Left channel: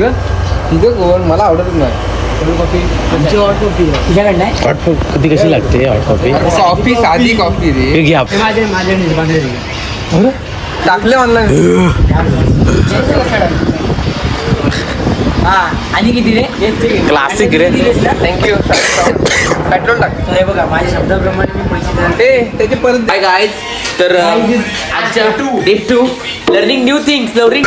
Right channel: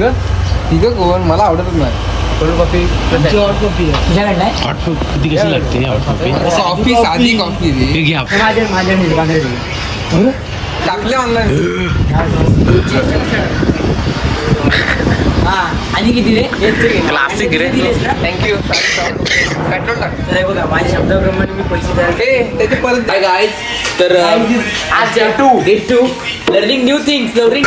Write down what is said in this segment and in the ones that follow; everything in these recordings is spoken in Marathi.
तिथं कोण मला आवडतच नाही. हॉट कॉफी कशी लागते हॉट कॉफी? कॉफी साधी कॉफी रे. घ्या टाकले ऑनलाईन. आणि किती रे? क्लासिक रे. थँक्यू. पेट्रोल टाक. बघा माझ्या शब्दाप्रमाणे मी पैसे द्यायला. त्याचे परत हाय गाईज, तर आज day 2 learning new things. Lovely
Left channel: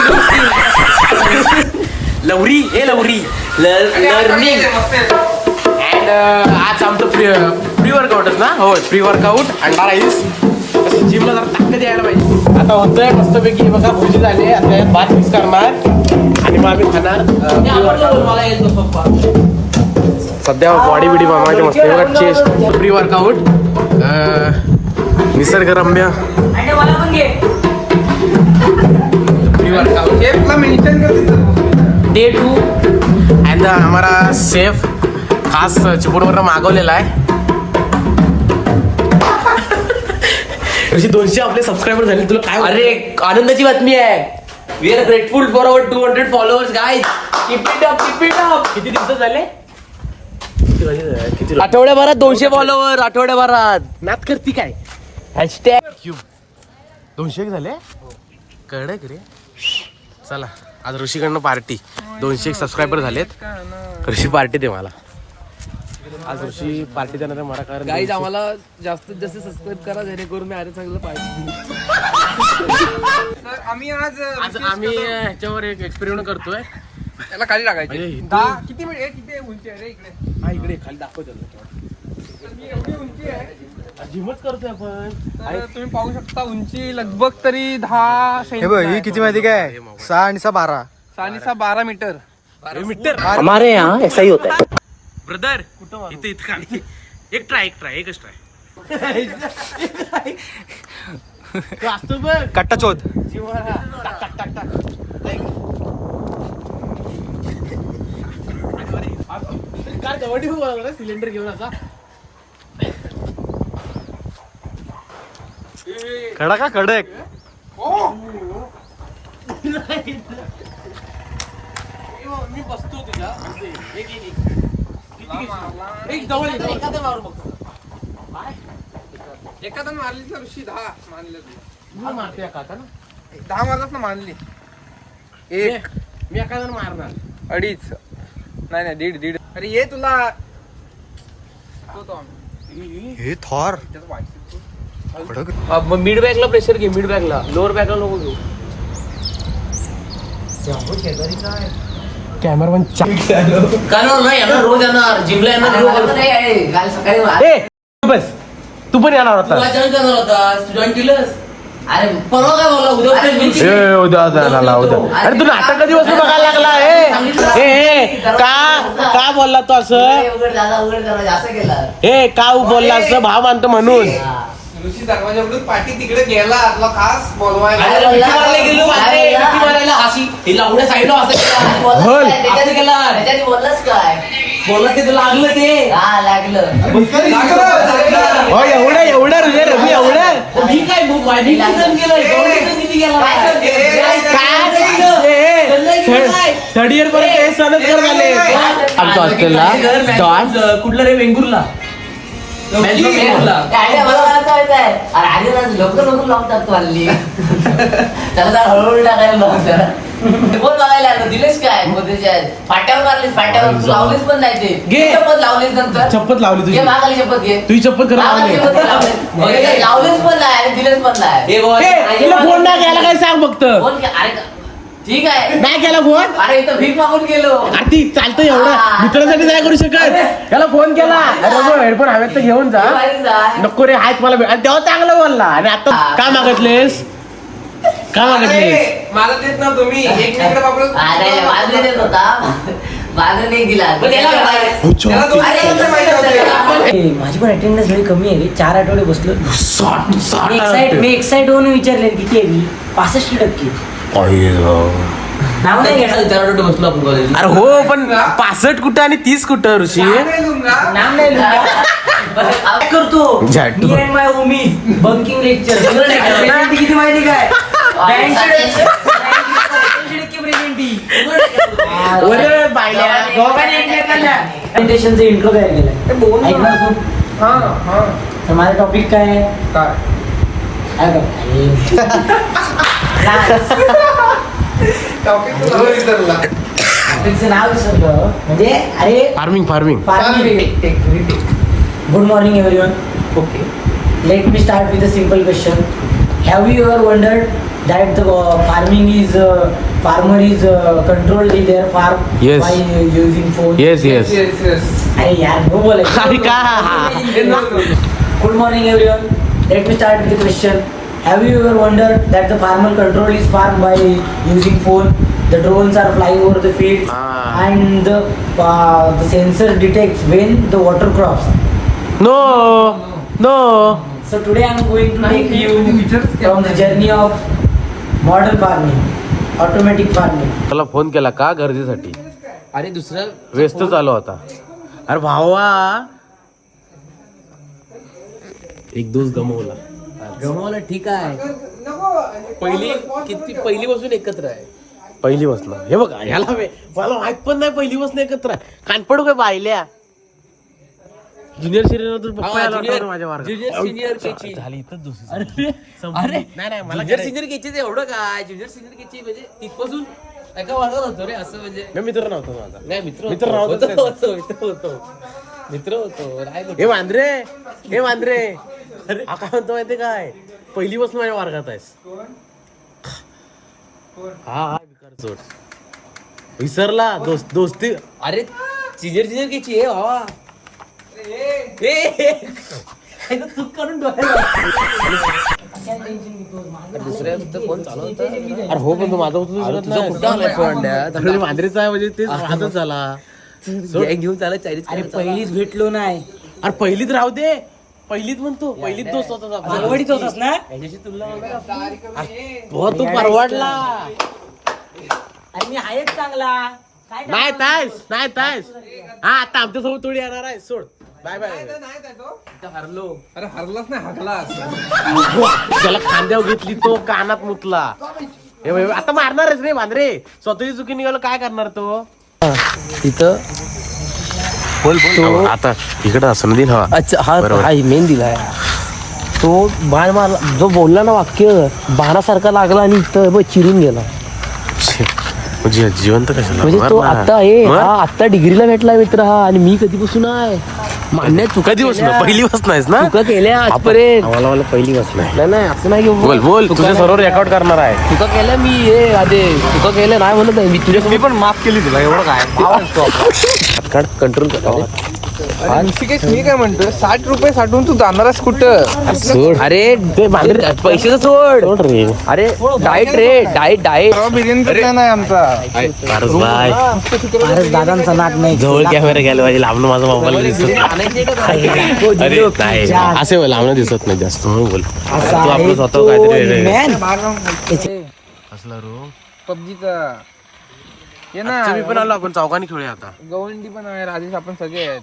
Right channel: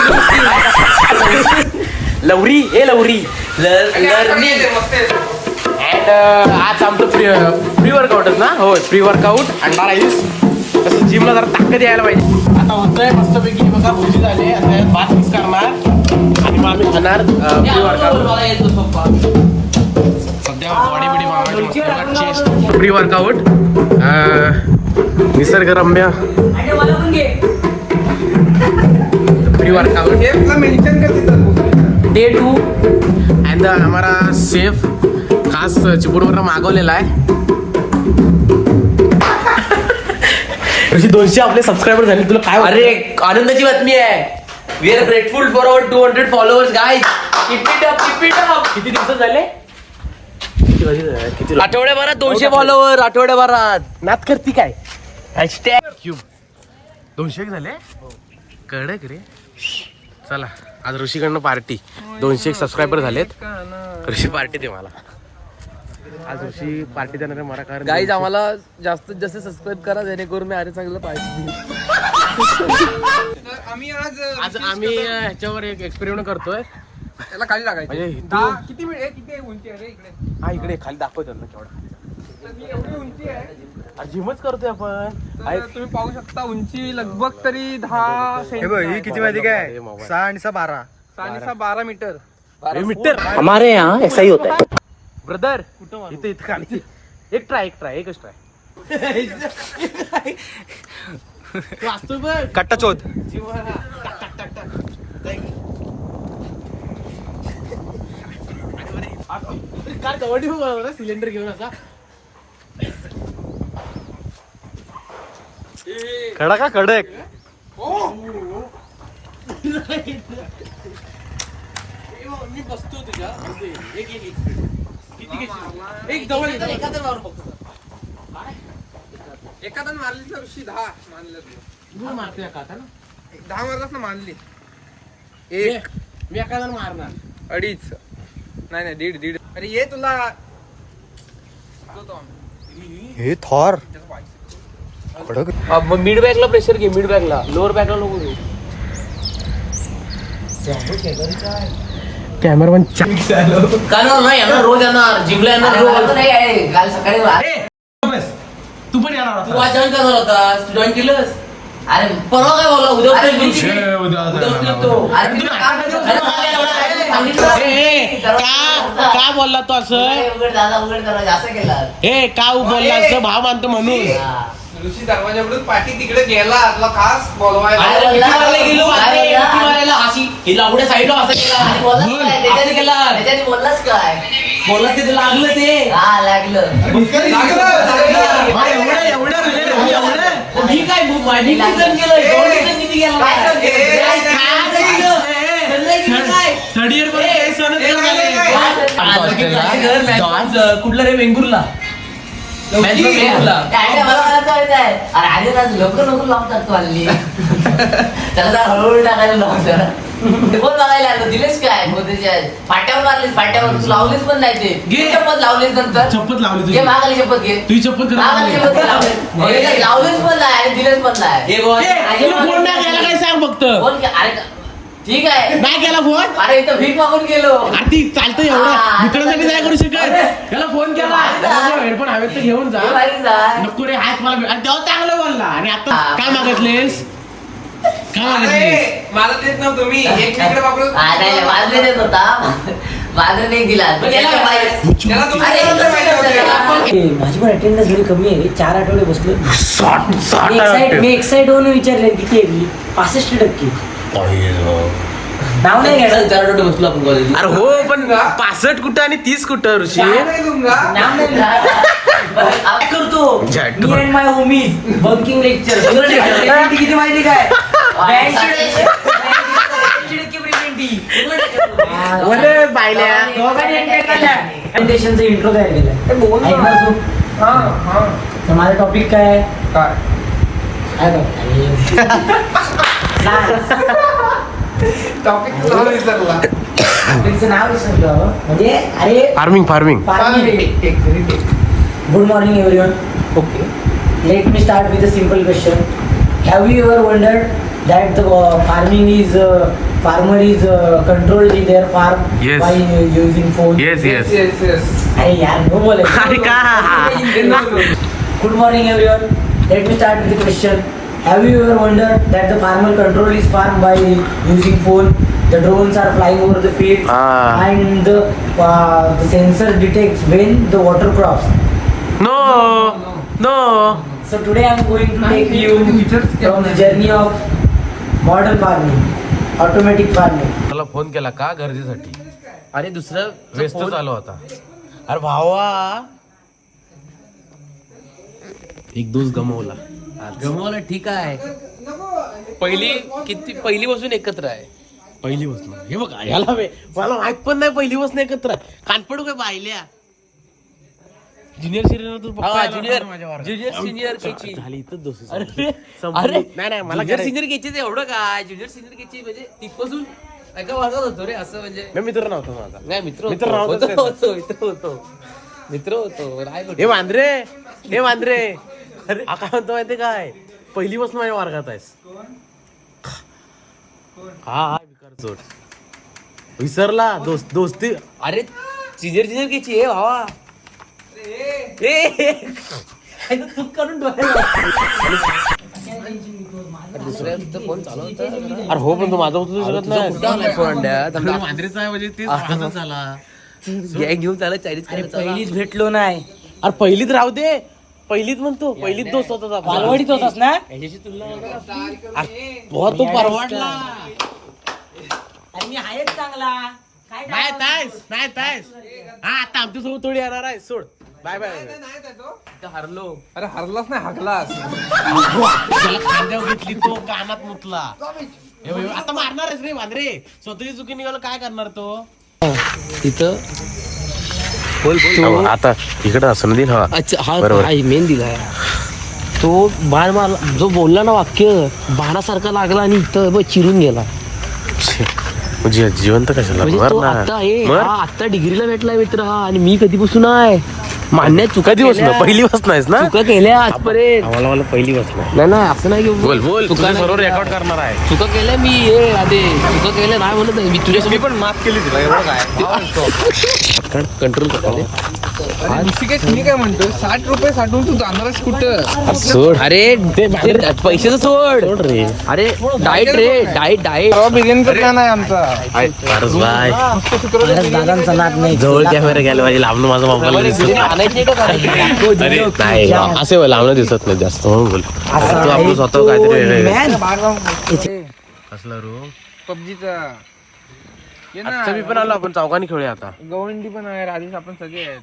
learning and आज आमचं प्री वर्कआउटच ना. हो, प्री वर्कआउट अंडा राईस. तसं जिमला जरा ताकद यायला पाहिजे. आता होतोय मस्तपैकी बघा. भोजी झाले. आता भात मिक्स करणार आणि मग आम्ही खाणार प्री वर्कआउट. सध्या बॉडी बिडी बनवायची मस्त बघा. Chest pre workout. निसर्गरम्य प्री वर्कआउट डे 2 अँड हमारा सेफ खास चिपळूणवरून मागवलेला आहे. 200 आपले सबस्क्रायबर झाले. तुला काय? अरे आनंदाची बातमी आहे. We are grateful for our 200 followers guys. Keep it up. किती दिवस झाले? आठवड्याभरात 200 फॉलोअर. आठवड्याभरात नात करती काय? हॅशटॅग क्यूब 200 झाले. कडक रे. चला आज ऋषीकडनं पार्टी. 200 सबस्क्रायबर झालेत. ऋषी पार्टी दे मला. आज ऋषी पार्टी देणार मला. कारण गाईज आम्हाला जास्तीत जास्त सबस्क्राईब करा जेणेकरून मी अरे चांगलं पाहिजे. आम्ही आज आम्ही ह्याच्यावर एक एक्सपेरिमेंट करतोय. त्याला खाली टाकायचे. किती उंची आहे रे इकडे? हा इकडे खाली दाखव त्यांना. एवढी उंची आहे. जिमच करतोय आपण. तुम्ही पाहू शकता उंची लगभग तरी 10 ही किती माहिती काय? 6 आणि 6 12. 12 मीटर. हमारे यहाँ ऐसा ही होता है. ब्रदर कुठं इथं खाली एकच ट्राय असतो बघ. कट्टा चोद. सिलेंडर घेऊन असा खडा का कडक? मी बसतो तुझ्या. एक जवळ एखादा मारली तर 10 मानले. तू मारते का ना? 10 मारलाच ना मानली. मी एका जण मारणार. 2.5 नाही 1.5. अरे ये तुला हे थॉर कडक. मिड बॅगला प्रेशर घे. मिड बॅगला, लोअर बॅगला नको घेऊ. कॅमेरामॅन येणार रोज येणार जिमला येणार. काल सकाळी बस तू पण येणार होता. अचानक करणार होता. जॉईन केलंस? अरे परवा काय बोला उद्या तू नाटक कधी बघायला लागला? का बोलला तू असं? का बोलला असं? भाव मानतो म्हणून. ऋषी दरवाजाकडून पाठी तिकडे गेला. आपला खास बोलवायला बोललास काय? बोललास ते लागलं. ते लागलं थर्ड इयर कुठलं रे? वेंगुर्ला. लवकर लावतात तू हल्ली. त्याला जरा हळूहळू टाकायला लावतात. कोण बघायला आलं? दिलेस काय? फाट्यावर मारलीस. फाट्यावर तू लावलीस पण नाही. ते चप्पत लावलीस नंतर. चप्पत लावली घे मागाली चप्पत घे. तुझी चप्पत लावलीच पण नाही आणि दिलेच पण नाही. फोन नाही घ्यायला काय सांग फक्त. अरे ठीक आहे. नाही केला फोन. अरे इथं भीक मागून गेलो. आधी चालतं एवढं. मित्रासाठी नाही करू शकत. त्याला फोन केला. हेडफोन हवेत तर घेऊन जा. नको रे हात मला. तेव्हा चांगलं बोलला. आणि आता काय मागितलेस? काय मागितलेस? मला देत ना तुम्ही एकमेकडे वापरून. माझं देत होता. माझं नाही दिला. माझी पण अटेंडन्स लई कमी आहे. 4 आठवडे बसलो. मी एक्साइट होऊन विचारले किती आहे मी. 65%. नाव नाही घ्यायचं. 4 आठवडे बसलो आपण कॉलेज. अरे हो पण 65 कुठं आणि 30 कुठं ऋषी? नाम नाही करतो. मी and my homies bunking lecture. किती माहिती काय? 90% प्रेझेंटी. अरे बायल्या प्रेझेंटेशनचा इंट्रो तयार केलाय ऐकणार तू तर माझा टॉपिक काय आहे काय टॉपिक तुला विसरला. टॉपिकचं नाव विसरलं म्हणजे अरे farming farming farming. Good morning everyone. Okay Let me start with a simple question. Have you ever wondered that the farmer is controlled their farm Yes. by using phone? Yes yes yes yes अरे यार no बोले. अरे का? Good morning everyone. Let me start with the question. Have you ever wondered that the farmer control his farm by using phone? The drones are flying over the field and the sensor detects when the water crops. No no So today I am going to take you from the journey of modern farming, automatic farming. मला फोन केला का गरजेसाठी? अरे दुसरं व्यस्त चालू होता. अरे भावा एक दोस्त गमवला ठीक आहे. पहिली पासून एकत्र आहे. पहिली बसणं हे बघा ह्याला मला माहित पण नाही पहिली बसणं एकत्र आहे. कानपड काय बायल्या ज्युनियर ज्युनियर सिनियर केची झाली इथंच दोस्ती अरे संपली. नाही मला ज्युनियर सिनियर केची एवढं काय ज्युनियर सिनियर केची म्हणजे तिथपासून एका वागत होतो रे असं म्हणजे मी मित्र नव्हतो माझा. नाही मित्र मित्र होतो नव्हतो. मित्र होतो राय हे वांद्रे आता म्हणतो माहिती काय पहिली बस माझ्या वर्गात आहेस. हा विकार चोट विसरला दोस्ती. अरे सिनियर केची आहे भावा चूक करून दुसऱ्या फोन चालू होता अरे हो पण तो माझा होतो विसरत नाही. कुठं आलाय फोन अंड्यात? आपल्या मांजरीचा आहे म्हणजे तेच हातच झाला. गॅंग घेऊन चालत चायनीज अरे पहिलीच भेटलो नाही. अरे पहिलीत राहू दे पहिलीत म्हणतो पहिलीत दोस्त होता पालवडीत होतास ना. हो तो परवडला. अरे मी आहेच चांगला. काय नाही तायस हा आता आमच्यासोबत थोडी येणार आहे. सोड बाय बाय. हरलो अरे हरलाच नाही हरलास. त्याला खांद्यावर घेतली तो कानात मुतला. हे बघ, आता मारणारच रे मांजरे. स्वतःची चुकी निघालं काय करणार तो. तिथं आता इकडे असं दिन हवा. अच्छा हा मेन दिलाय तो बाण मारला जो बोलला ना वाक्य बाणासारखा लागला आणि इथं चिरून गेला. जिवंत कशाला म्हणजे तो आता डिग्रीला भेटला मित्र हा आणि मी कधीपासून आहे मान्य चुका कधी बसलो पहिली बस नाहीस ना. चुका केल्या आजपर्यंत मला पहिली बस नाही. नाही असं नाही बोल तुझ्या सर्व रेकॉर्ड करणार आहे. चुका केल्या मी हे आधी चुका केलं नाही म्हणत नाही. मी तुझ्यासोबत पण माफ केली तुला एवढं काय. कंट्रोल करतो. ऋषिकेश मी काय म्हणतो 60 रुपये साठवून तू जाणारच कुठं. सोड अरे ते पैशाचं सोड रे. अरे डाएट रे डाएट बिर्याणी नाही आमचा. बाय महाराज दादांचा नाद नाही. जवळ कॅमेरा घ्यायला पाहिजे. लांबून माझा मोबाईल दिसत नाही. अरे नाही असे लांबणं दिसत नाही जास्त म्हणून बोल. तू आपलं स्वतः काहीतरी असला रो पबजीचा मी पण आलो. आपण चौकाने खेळूया आता. गवंडी पण आहे राजेश आपण सगळे आहेत.